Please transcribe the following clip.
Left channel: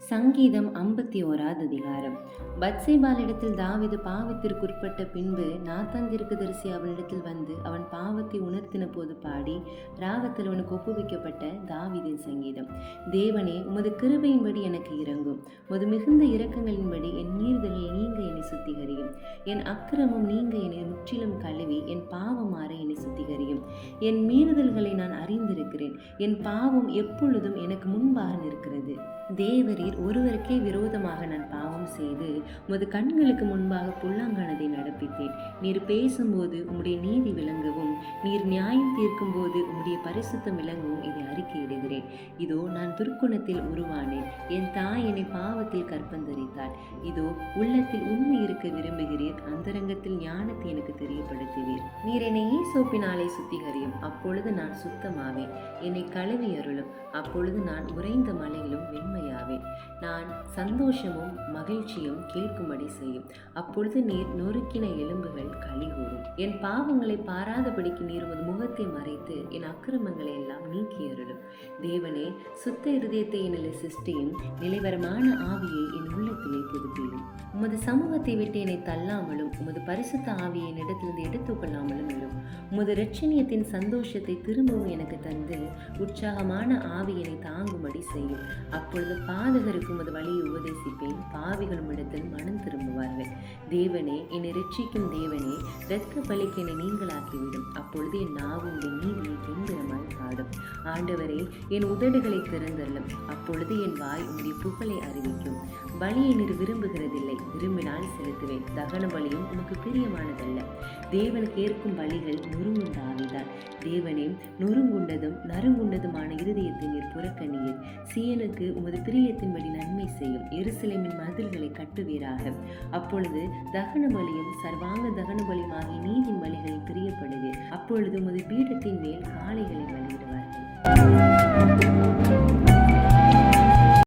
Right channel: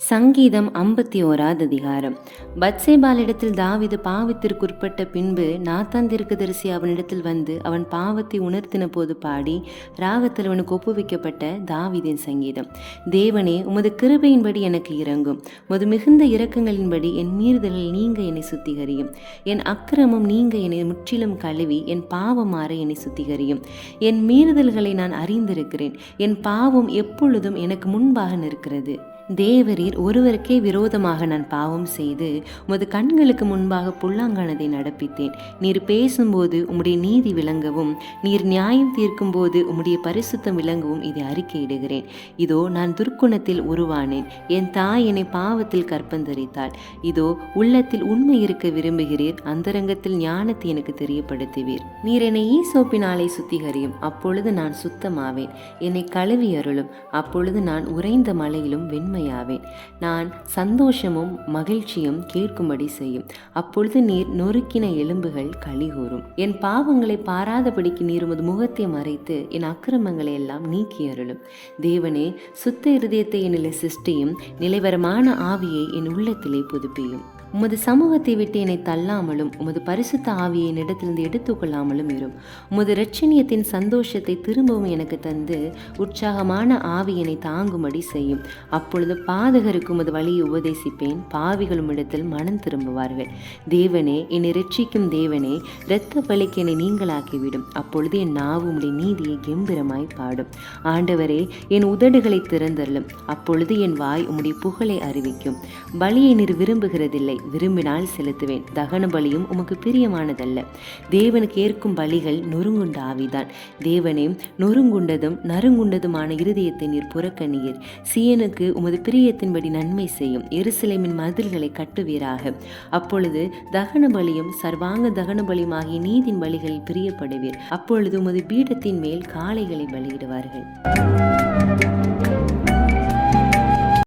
சங்கீதம் 51 அதிகாரம். பத்சேபாளிடத்தில் தாவீது பாவத்திற்குட்பட்ட பின்பு நாத்தான் தீர்க்கதரிசி அவனிடத்தில் வந்து அவன் பாவத்தை உணர்த்தின போது பாடி ராகத்தில் அவனுக்கு ஒப்புவிக்கப்பட்ட தாவீதின் சங்கீதம். தேவனே, உமது கிருபையின்படி எனக்கு இரங்கும். உமது மிகுந்த இரக்கங்களின்படி என் மீறுதலில் நீங்க என்னை சுத்திகரியும். என் அக்கிரமம் நீங்க என்னை முற்றிலும் கழுவி என் பாவம் மாற என்னை சுத்திகரியும். என் மீறுதல்களை நான் அறிந்திருக்கிறேன். என் பாவம் எப்பொழுதும் எனக்கு முன்பாக நிற்கிறது. தேவரீர் ஒருவருக்கே விரோதமாக நான் பாவம் செய்து உமது கண்களுக்கு முன்பாக புல்லாங்கானதை நடப்பித்தேன். நீர் பேசும்போது உம்முடைய நீதி விளங்கவும், நீர் நியாயம் தீர்க்கும் போது உம்முடைய பரிசுத்தம் விளங்கவும் இதை அறிக்கையிடுகிறேன். இதோ நான் துர்க்குணத்தில் உருவானேன். என் தாய் என்னை பாவத்தில் கற்பந்தரித்தாள். இதோ உள்ளத்தில் உண்மை இருக்க விரும்புகிறீர், அந்தரங்கத்தில் ஞானத்தை எனக்கு தெரியப்படுத்துவீர். நீர் என்னை ஈசோப்பினாலே சுத்திகரியும், அப்பொழுது நான் சுத்தமாவேன். என்னை கழுவி அருளும், அப்பொழுது நான் உறைந்த மலையிலும் வெண்மை ஆவேன். நான் சந்தோஷமும் மகிழ்ச்சியும் கேட்கும்படி செய்யும். அப்பொழுது நீர் நொறுக்கின எலும்புகள் களிகூறும். என் பாவங்களை பாராதபடிக்கு நீர் உமது முகத்தை மறைத்து என் அக்கிரமங்களை எல்லாம் நீக்கி அருளும். தேவனே, சுத்த இருதயத்தை என்னிலே சிருஷ்டியும், நிலைவரமான ஆவியை என் உள்ளத்திலே புதுப்பியும். உமது சமூகத்தை விட்டு என்னை தள்ளாமலும் உமது பரிசுத்த ஆவியை என்னிடத்திலிருந்து எடுத்துக்கொள்ளாமலும் இரும். உமது இரட்சணியத்தின் சந்தோஷத்தை திரும்பவும் எனக்கு தந்து உற்சாகமான ஆவியினை தாங்கும்படி செய்யும். அப்பொழுது பாதகருக்கு உமது வழியை உபதேசிப்பேன், பாவிகளும் இடத்தில் மனம் திரும்புவார்கள். தேவனே, என்னை இரட்சிக்கும் தேவனே, இரத்த பலிக்கு என்னை நீங்களாக்கிவிடும். அப்பொழுது என் நாவு உம்முடைய நீதியை கெம்பீரமாய் பாடும். ஆண்டவரே, என் உதடுகளை திறந்தருளும். அப்பொழுது என் வாய் உம்முடைய புகழை அறிவிக்கும். பலியை நீர் விரும்புகிறதில்லை, விரும்பினால் செலுத்துவேன். தகன பலியும் உமக்கு பிரியமானதல்ல. தேவனுக்கு ஏற்கும் பலிகள் நொறுங்குண்ட ஆவிதான். தேவனே, நொறுங்குண்டதும் நறுங்குண்டதுமான இருதயத்தை நீர் புறக்கணியீர். சீயனுக்கு உமது பிரியத்தின்படி நன்மை செய்யும். எருசலேமின் மதில்களை கட்டுவீராக. அப்பொழுது தகன பலியும் சர்வாங்க தகன பலியும் ஆகிய நீதின் பலிகளில் பிரியப்படுவீர். அப்பொழுது உமது பீடத்தின் மேல் காளைகளை பலியிடுவார்கள்.